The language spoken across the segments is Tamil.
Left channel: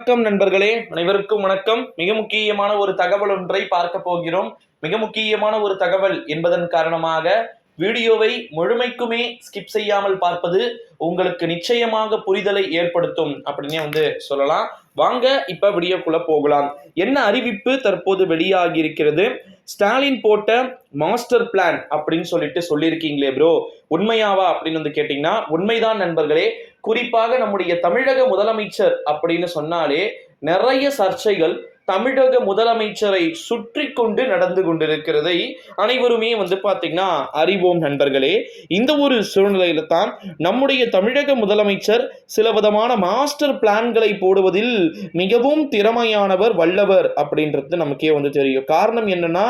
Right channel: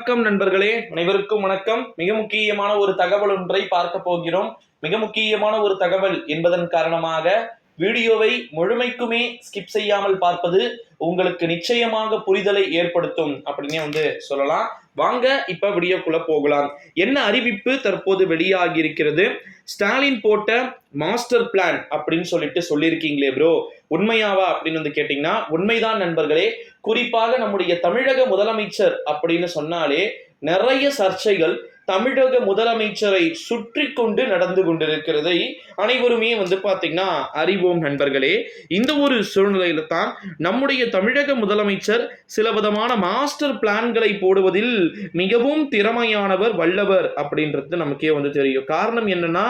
வணக்கம் நண்பர்களே, அனைவருக்கும் வணக்கம். மிக முக்கியமான ஒரு தகவல் ஒன்றை பார்க்க போகிறோம். மிக முக்கியமான ஒரு தகவல் என்பதன் காரணமாக வீடியோவை முழுமைக்குமே ஸ்கிப் செய்யாமல் பார்ப்பது உங்களுக்கு நிச்சயமாக புரிதலை ஏற்படுத்தும் அப்படின்னு சொல்லலாம். வாங்க இப்ப வீடியோக்குள்ள போகலாம். என்ன அறிவிப்பு தற்போது வெளியாகி இருக்கிறது? ஸ்டாலின் போட்ட மாஸ்டர் பிளான் அப்படின்னு சொல்லியிருக்கீங்களே ப்ரோ, உண்மையாவா அப்படின்னு கேட்டீங்கன்னா உண்மைதான் நண்பர்களே. குறிப்பாக நம்முடைய தமிழக முதலமைச்சர் அப்படின்னு சொன்னாலே நிறைய சர்ச்சைகள் தமிழக முதலமைச்சரை சுற்றி கொண்டு நடந்து கொண்டிருக்கிறதை அனைவருமே பாத்தீங்கன்னா அறிவோம் நண்பர்களே. இந்த ஒரு சூழ்நிலையில தான் நம்முடைய தமிழக முதலமைச்சர் சில விதமான மாஸ்டர் பிளான்களை போடுவதில் மிகவும் திறமையானவர், வல்லவர் அப்படின்றது நமக்கே தெரியும். காரணம் என்னன்னா,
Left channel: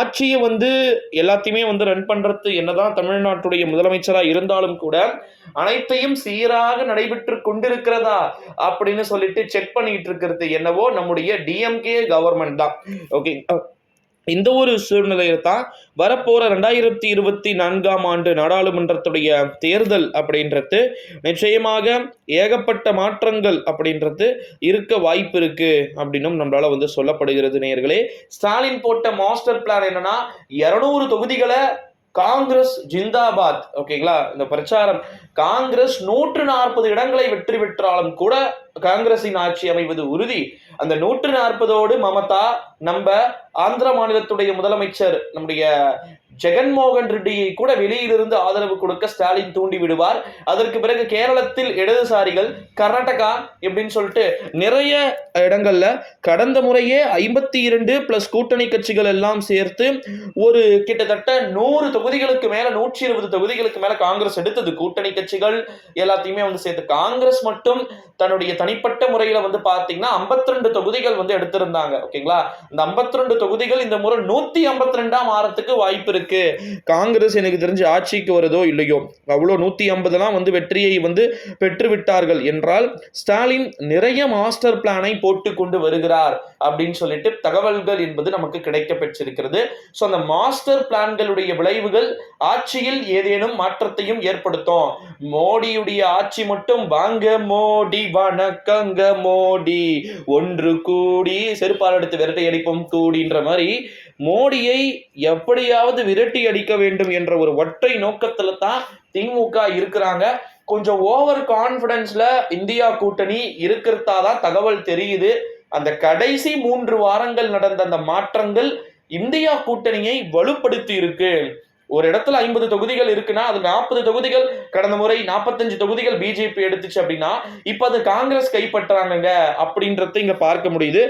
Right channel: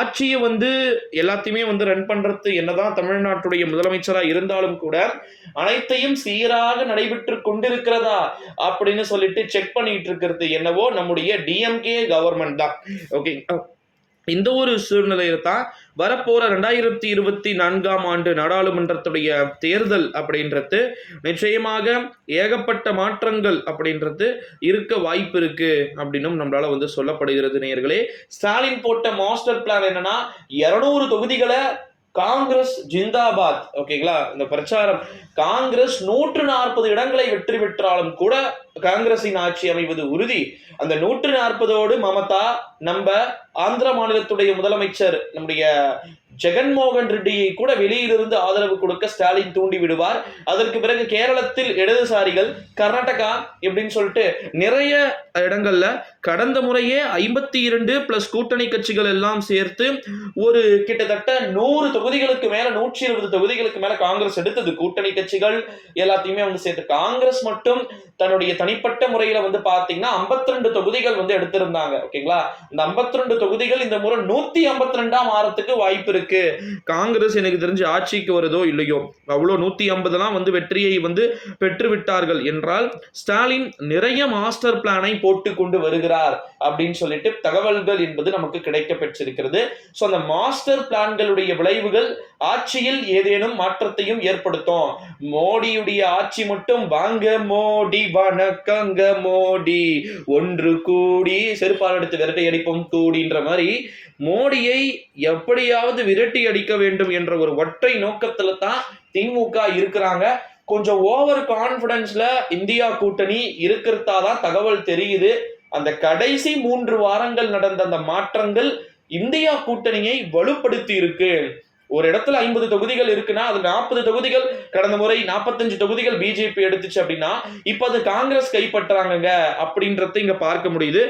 ஆட்சியை எல்லாத்தையுமே ரன் பண்றது என்னதான் தமிழ்நாட்டுடைய முதலமைச்சரா இருந்தாலும் கூட அனைத்தையும் சீராக நடைபெற்று கொண்டிருக்கிறதா அப்படின்னு சொல்லிட்டு செக் பண்ணிட்டு இருக்கிறது என்னவோ நம்முடைய டிஎம்கே கவர்மெண்ட் தான். ஓகே, இந்த ஒரு சூழ்நிலையில தான் வரப்போற 2024 ஆண்டு நாடாளுமன்றத்துடைய தேர்தல் அப்படின்றது நிச்சயமாக ஏகப்பட்ட மாற்றங்கள் அப்படின்றது இருக்க வாய்ப்பு இருக்கு அப்படின்னும் நம்மளால சொல்லப்படுகிறது. நேயர்களே, ஸ்டாலின் போட்ட மாஸ்டர் பிளான் என்னன்னா 200 தொகுதிகளை காங்கிரஸ் ஜிந்தாபாத். ஓகேங்களா, இந்த பிரச்சாரம் காங்கிரஸ் 140 இடங்களை வெற்றி பெற்றாலும் கூட காங்கிரசின் ஆட்சி அமைவது உறுதி. அந்த 140ஓடு மமதா, நம்ம ஆந்திர மாநிலத்துடைய முதலமைச்சர் நம்முடைய ஜெகன்மோகன் ரெட்டியை கூட வெளியிலிருந்து ஆதரவு கொடுக்க ஸ்டாலின் தூண்டி விடுவார். அதற்கு பிறகு கேரளத்தில் இடதுசாரிகள், கர்நாடகா இப்படின்னு சொல்லிட்டு நிறைய இடங்கள்ல கடந்த முறையே 52 பிளஸ் கூட்டணி கட்சிகள் எல்லாம் சேர்த்து ஒரு கிட்டத்தட்ட 100 தொகுதிகளுக்கு மேல 120 தொகுதிகளுக்கு மேல காங்கிரஸ் எடுத்தது. கூட்டணி கட்சிகள் எல்லாத்தையுமே சேர்த்து காங்கிரஸ் மட்டும் தன்னுடைய தனிப்பட்ட முறையில பாத்தீங்கன்னா 52 தொகுதிகள் எடுத்திருந்தாங்க. ஓகேங்களா, இந்த 52 தொகுதிகள் இந்த முறை 152 ஆறதுக்கு வாய்ப்பு இருக்கு. காங்கிரஸ் எனக்கு தெரிஞ்சு ஆட்சிக்கு வருதோ இல்லையோ, அவ்வளோ 150 வெற்றியை பெற்று விட்டார்கள் என்றால் ஸ்டாலின் நிறைய மாஸ்டர் பிளானை போட்டு கொண்டு வருகிறார் அப்படின்னு சொல்லிட்டு தகவல்கள் என்பது நமக்கு கிடைக்க பெற்றிருக்கிறது. ஸோ அந்த மாஸ்டர் பிளான்களுடைய விளைவுகள் ஆட்சியில் ஏதேனும் மாற்றத்தையும் ஏற்படுத்தும். மோடியுடைய ஆட்சி மட்டும் வாங்க மோடி வணக்கங்க மோடி ஒன்று கூடி செருப்பால் எடுத்து விரட்டை அடிப்போம் கூடின்ற மாதிரி மோடியை எப்படியாவது விரட்டி அடிக்க வேண்டும் என்ற ஒரு ஒற்றை நோக்கத்துல தான் திமுக இருக்கிறாங்க. கொஞ்சம் ஓவர் கான்பிடன்ஸ்ல இந்தியா கூட்டணி இருக்கிறதா தான் தகவல் தெரியுது. அந்த கடைசி 3 வாரங்கள் நடந்த அந்த மாற்றங்கள் இந்தியா கூட்டணியை வலுப்படுத்தி இருக்கு. ஒரு இடத்துல 50 தொகுதிகள் இருக்குன்னா அது 40 தொகுதிகள் கடந்த முறை 45 தொகுதிகள் பிஜேபி எடுத்துச்சு அப்படின்னா இப்ப அது காங்கிரஸ் கைப்பற்றாங்க அப்படின்றத இங்க பார்க்க முடியுது.